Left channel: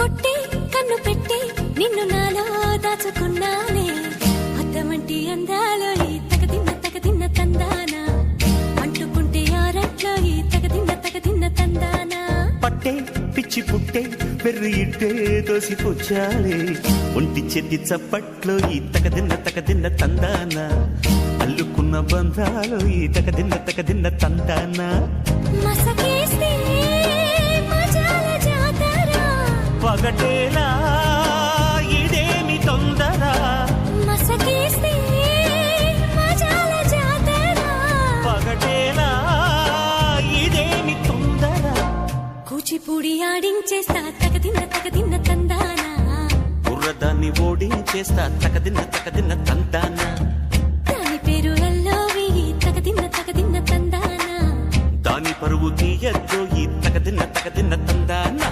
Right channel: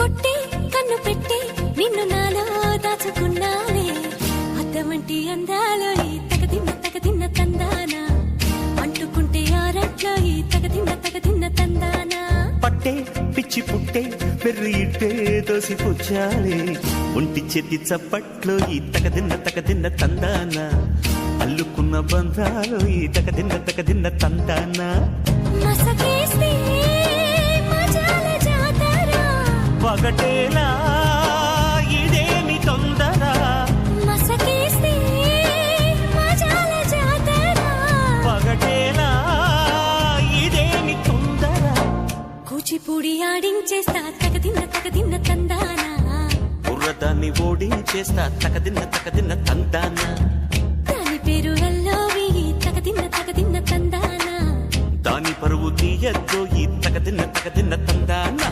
కొట్టి కన్ను పెట్టి నిన్ను నాలో దాచుకున్నానే అద్దమంటి అందాలో ఈ తగదిన్న తందానా అంటుకుంటే ఆరట్లో ఈ తగదిన్న తందానా పట్టే పిచ్చి పుట్టే పెర్రి ఇట్టే దోసిపుచ్చాలే ఒంటి చేతి చప్పట్లో ఈ తగదిన్న తందానా అల్లుకున్న బంధాలు ఈ తగదిన్న తందానా మసకేస్తే మజాల జాతర పగటేలా ఇదేమి తొందర మసకేస్తే మజాల జాతర పగటేలా ఇదేమి తొందర కూచిపూడి ఆడించేస్తా తగదిన్న తందానా బుర్రదాన్ని ఓడించేస్తా తగదిన్న తందానా దాని పేరు ఎల్లోవి తగదిన్న తందానా దాని పరువు తీయద్దు ఈ తగదిన్న తందానా